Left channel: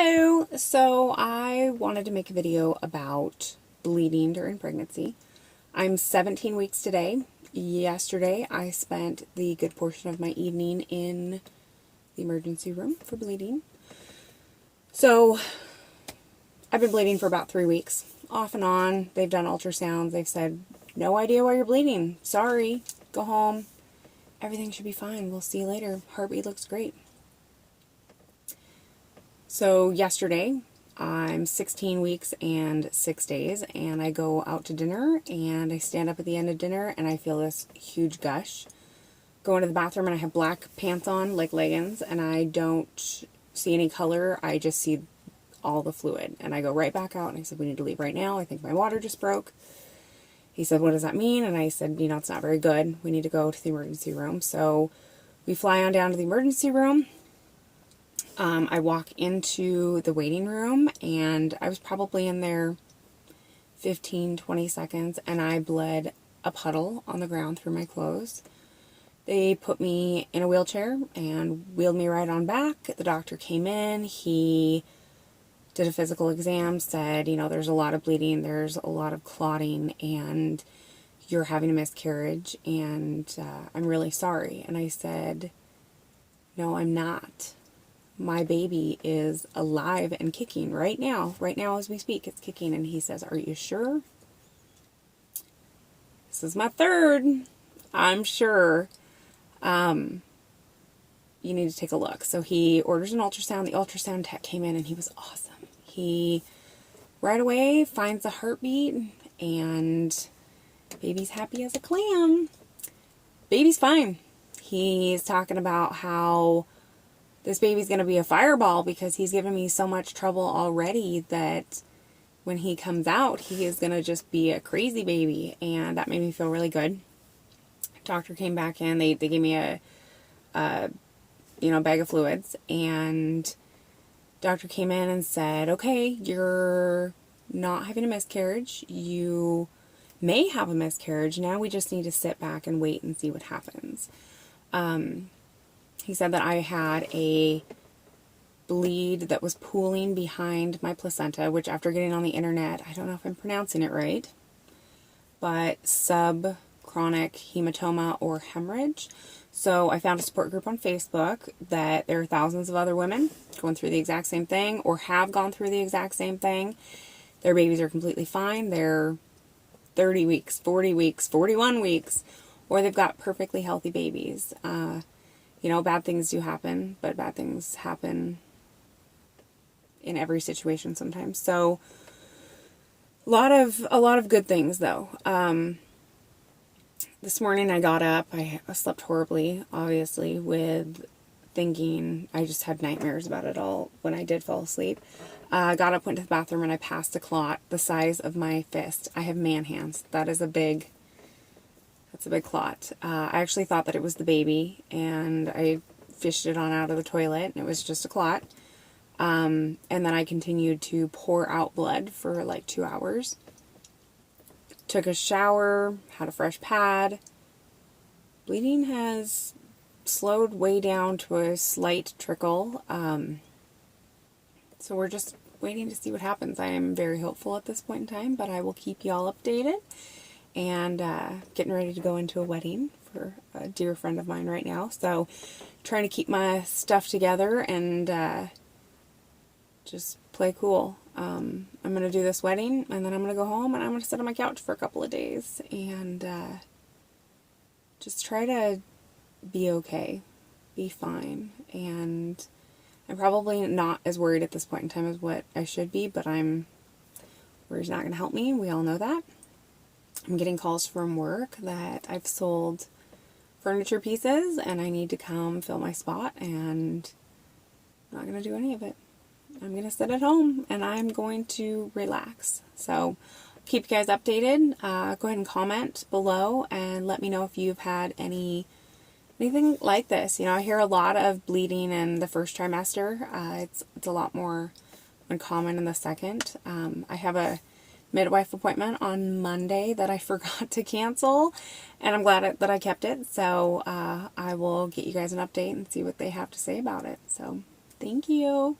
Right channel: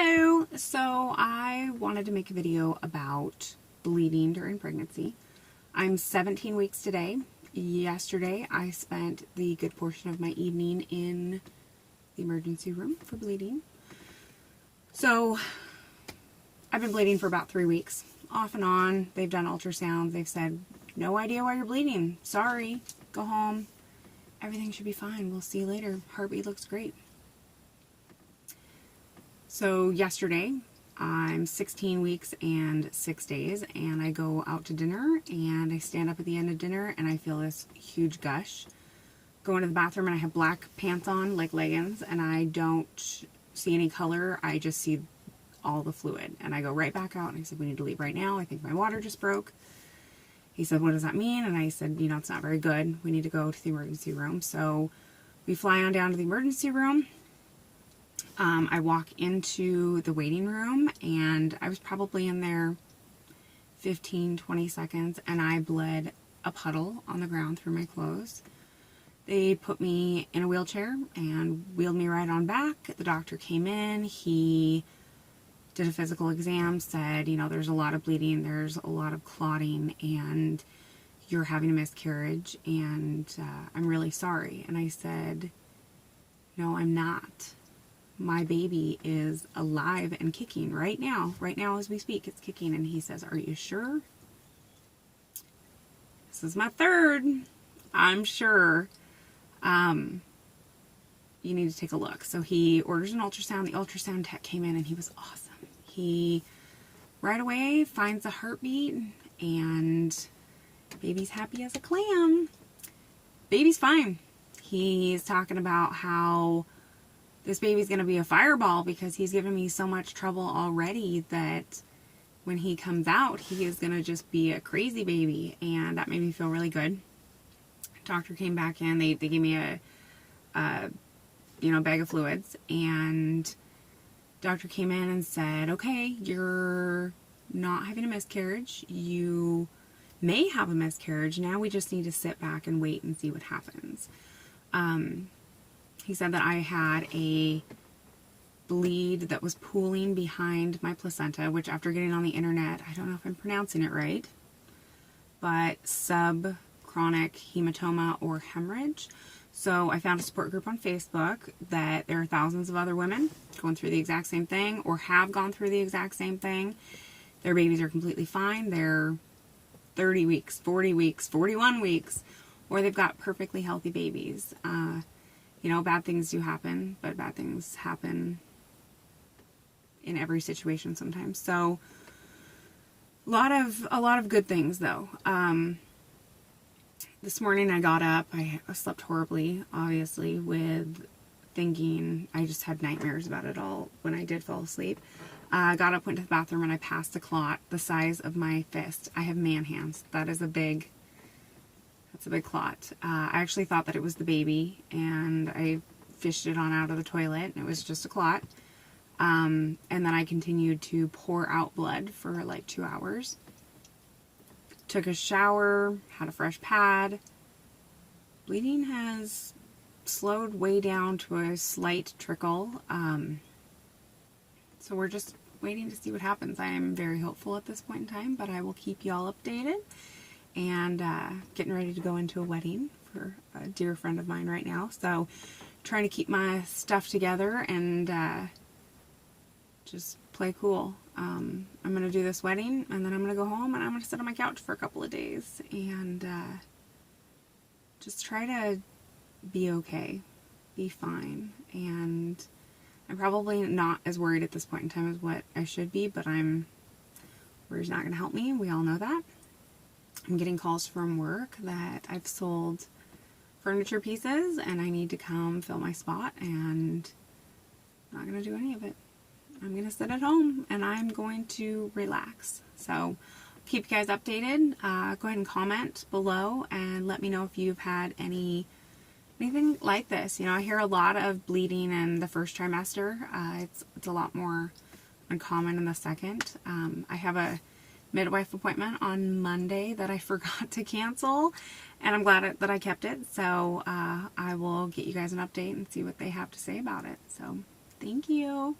Hello! So I wanted to make a video about bleeding during pregnancy. I'm 17 weeks today. Yesterday I spent the good portion of my evening in the emergency room for bleeding. So I've been bleeding for about 3 weeks. Off and on. They've done ultrasounds. They've said, no idea why you're bleeding. Sorry. Go home. Everything should be fine. We'll see you later. Heartbeat looks great. So yesterday, I'm 16 weeks and 6 days, and I go out to dinner, and I stand up at the end of dinner, and I feel this huge gush. Go into the bathroom, and I have black pants on, like leggings, and I don't see any color. I just see all the fluid, and I go right back out, and I said, we need to leave right now. I think my water just broke. He said, what does that mean? And I said, it's not very good. We need to go to the emergency room. So we fly on down to the emergency room. I walk into the waiting room, and I was probably in there 15-20 seconds, and I bled a puddle on the ground through my clothes. They put me in a wheelchair and wheeled me right on back. The doctor came in. He did a physical exam, said, there's a lot of bleeding, there's a lot of clotting, and you're having a miscarriage, and I'm really sorry. And I said, no, I'm not. My baby is alive and kicking right now. Right now as we speak, it's kicking. And he says, are you sure? This is my third. I'm sure. You need to take a look. So he orders an ultrasound. The ultrasound tech came in, and he was awesome. He right away finds a heartbeat, and baby's happy as a clam. Baby's fine. He's talking about how this baby's going to be a fireball because he's given me so much trouble already that when he comes out, he is going to just be a crazy baby. And that made me feel really good. Doctor came back in. They gave me a bag of fluids. And doctor came in and said, okay, you're not having a miscarriage. You may have a miscarriage. Now we just need to sit back and wait and see what happens. He said that I had a bleed that was pooling behind my placenta, which after getting on the internet, I don't know if I'm pronouncing it right, but subchorionic hematoma or hemorrhage. So I found a support group on Facebook that there are thousands of other women going through the exact same thing or have gone through the exact same thing. Their babies are completely fine. They're 30 weeks, 40 weeks, 41 weeks, or they've got perfectly healthy babies. Bad things do happen, but bad things happen in every situation sometimes. So a lot of good things though. This morning I got up, I slept horribly, obviously, with thinking, I just had nightmares about it all when I did fall asleep. Got up, went to the bathroom, and I passed a clot the size of my fist. I have man hands. That's a big clot. I actually thought that it was the baby, and I fished it on out of the toilet, and it was just a clot. And then I continued to pour out blood for like 2 hours. Took a shower, had a fresh pad. Bleeding has slowed way down to a slight trickle. So we're just waiting to see what happens. I am very hopeful at this point in time, but I will keep y'all updated. And getting ready to go into a wedding for a dear friend of mine right now. So trying to keep my stuff together and just play cool. I'm going to do this wedding, and then I'm going to go home, and I'm going to sit on my couch for a couple of days and just try to be okay, be fine. And I'm probably not as worried at this point in time as what I should be, but worry's not going to help me. We all know that. I'm getting calls from work that I've sold furniture pieces and I need to come fill my spot, and I'm not going to do any of it. I'm going to sit at home and I'm going to relax. So keep you guys updated. Go ahead and comment below and let me know if you've had anything like this. I hear a lot of bleeding in the first trimester. It's a lot more uncommon in the second. I have a midwife appointment on Monday that I forgot to cancel, and I'm glad that I kept it. So I will get you guys an update and see what they have to say about it. So thank you.